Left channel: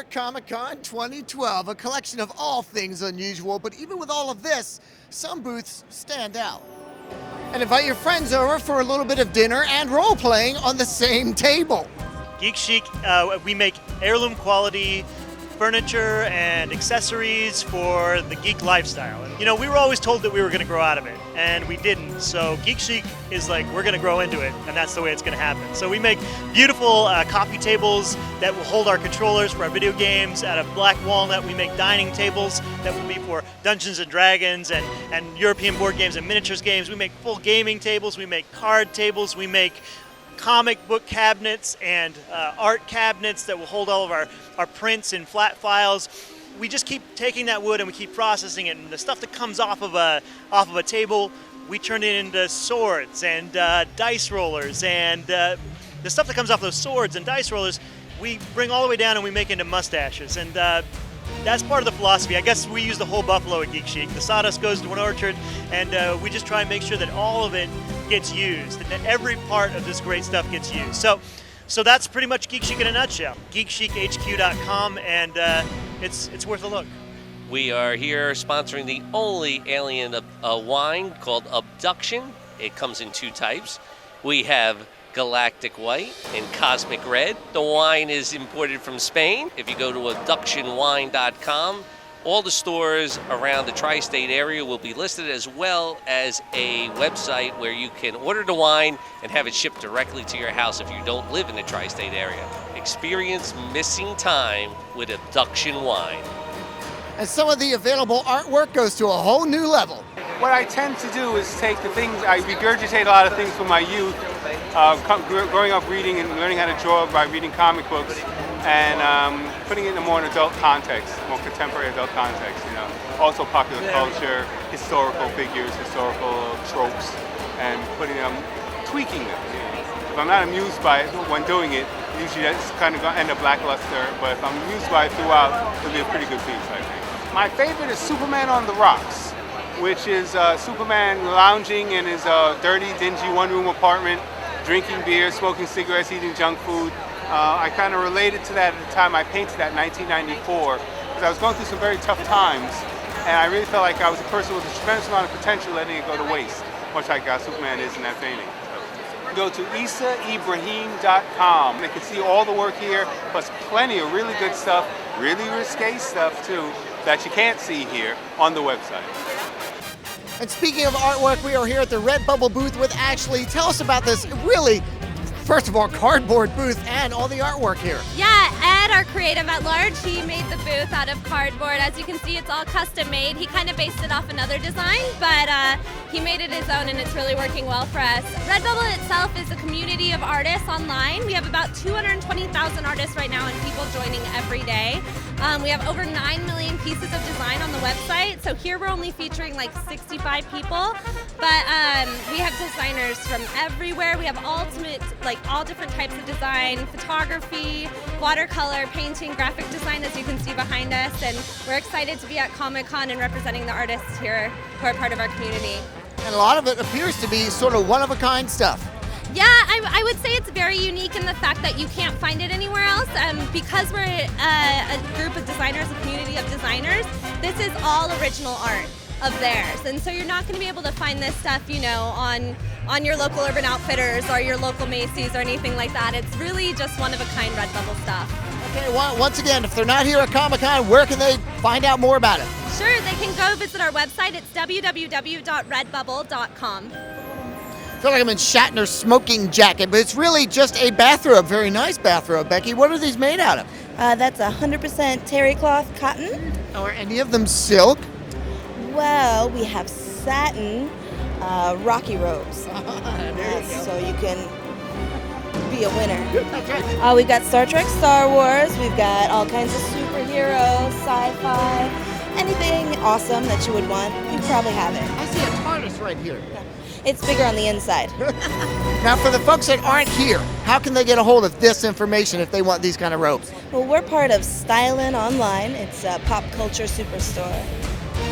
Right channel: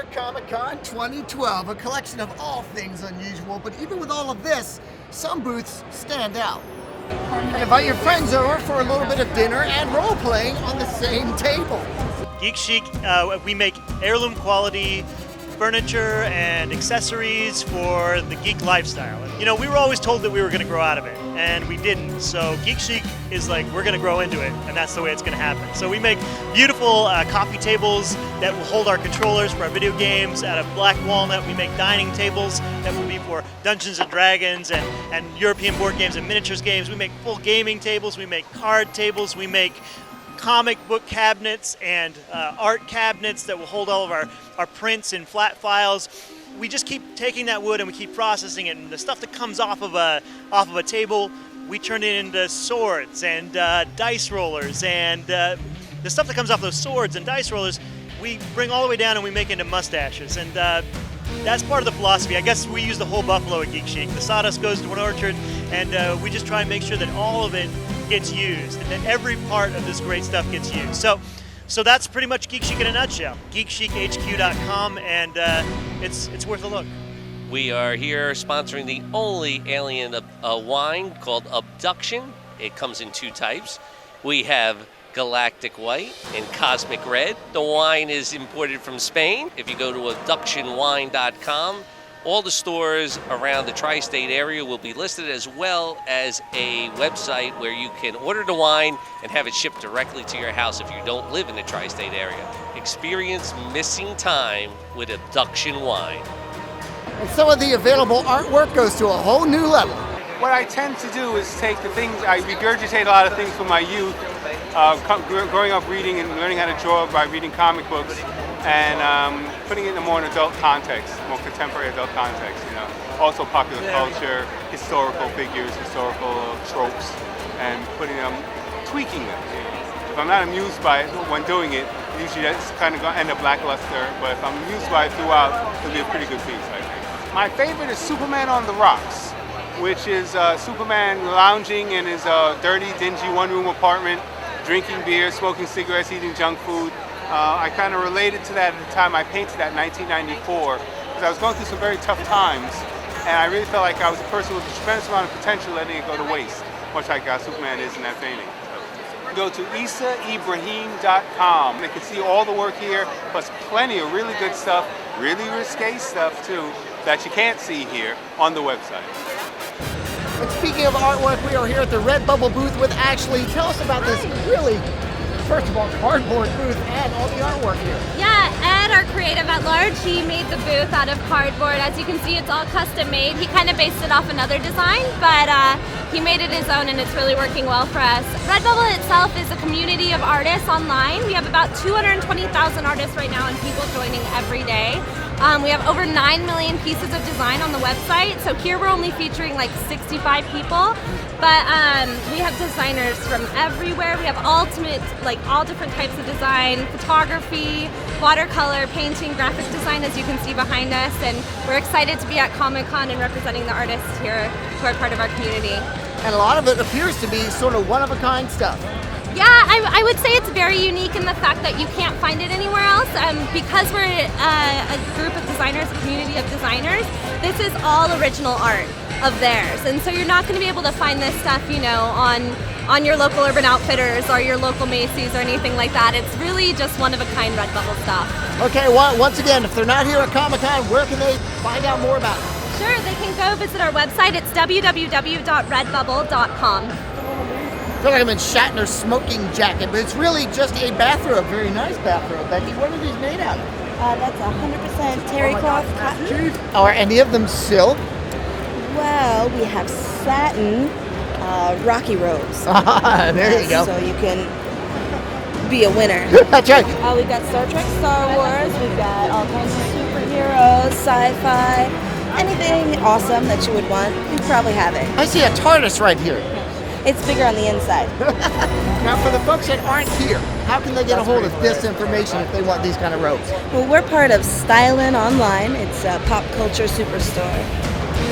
York Comic Con 2012, a collection of all things unusual, but even with all of this, some booths stand out. And invite your friends over for a little bit of dinner and role-playing on the same table. Geek Chic, we make heirloom quality furniture and accessories for the geek lifestyle. And, you know, we were always told that we were going to grow out of it, and we didn't. So Geek Chic is like, we're going to grow into it, and that's the way it's going to happen. So we make beautiful coffee tables that will hold our controllers for our video games. Out of black walnut, we make dining tables that will be for Dungeons and Dragons and European board games and miniatures games. We make full gaming tables. We make card tables. We make comic book cabinets and art cabinets that will hold all of our prints and flat files. We just keep taking that wood and we keep processing it, and the stuff that comes off of a table, we turn it into swords and dice rollers, and the stuff that comes off those swords and dice rollers, we bring all the way down and we make into mustaches, and that's part of the philosophy. I guess we use the whole buffalo at Geek Chic. The sawdust goes to an orchard, and we just try and make sure that all of it gets used, and that every part of this great stuff gets used. So that's pretty much Geek Chic in a nutshell. GeekChicHQ.com, and it's worth a look. We are here sponsoring the only alien wine called Abduction. It comes in two types. We have Galactic White and Cosmic Red. The wine is imported from Spain. If you go to abductionwine.com, all the stores around the tri-state area will be listed, as well as a website where you can order the wine and have it shipped directly to your house if you don't live in the tri-state area. Experience missing time with Abduction Wine. And some of the available artwork goes to a whole new level. What I tend to do is take the things, I regurgitate a lot of things from my youth, growing up reading and learning how to draw by reading comic books, and putting it in a more adult context, more contemporary adult context, you know. Also popular culture, historical figures, historical tropes, and putting them, tweaking them. You know. If I'm not amused by it when doing it, usually that's kind of going to end up lackluster, but if I'm amused by it throughout, it'll be a pretty good piece, I think. My favorite is Superman on the Rocks, which is Superman lounging in his dirty, dingy one-room apartment, drinking beer, smoking cigarettes, eating junk food. I kind of related to that at the time I painted that in 1994, because I was going through some very tough times, and I really felt like I was a person with a tremendous amount of potential letting it go to waste, much like Superman is in that painting. Go to isaibrahim.com. They can see all the work here, plus plenty of really good stuff, really risque stuff too, that you can't see here on the website. And speaking of artwork, we are here at the Redbubble booth with Ashley. Tell us about this really, first of all, cardboard booth and all the artwork here. Yeah, Ed, our creative at large, he made the booth out of cardboard. As you can see, it's all custom made. He kind of based it off another design, but he made it his own, and it's really working well for us. Redbubble itself is a community of artists online. We have about 220,000 artists right now and people joining every day. We have over 9 million pieces of design on the website. So here we're only featuring like 65 people, but we have designers from everywhere. We have ultimate, like all different types of design, photography, watercolor, painting, graphic design, as you can see behind us. And we're excited to be at Comic-Con and representing the artists here who are part of our community. And a lot of it appears to be sort of one-of-a-kind stuff. Yeah, I would say it's very unique in the fact that you can't find it anywhere else. Because we're a group of designers, a community of designers, this is all original art of theirs. And so you're not going to be able to find this stuff, you know, on your local Urban Outfitters or your local Macy's or anything like that. It's really just one-of-a-kind Redbubble stuff. Okay, once again, if they're not here at Comic-Con, where can they find out more about it? Sure, they can go visit our website. It's www.redbubble.com. I feel like I'm in Shatner's smoking jacket, but it's really just a bathrobe. Very nice bathrobe, Becky. What are these made out of? That's 100% terry cloth cotton. Are any of them silk? Well, we have satin Rocky robes. There you go. So you can be a winner. That's right. We've got Star Trek, Star Wars. We've got all kinds of superheroes, sci-fi, anything awesome that you would want. You probably have it. I see a TARDIS right here. It's bigger on the inside. Now, for the folks that aren't here, how can they get a hold of this information if they want these kind of robes? Well, we're part of Stylin' Online. It's a pop culture superstore.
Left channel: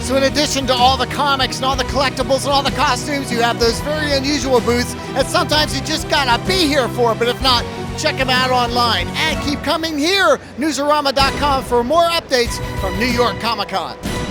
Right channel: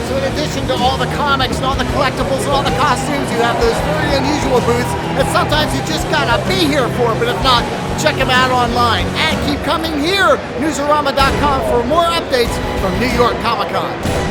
So in addition to all the comics and all the collectibles and all the costumes, you have those very unusual booths that sometimes you just gotta be here for, but if not, check him out online. And keep coming here, Newsarama.com, for more updates from New York Comic Con.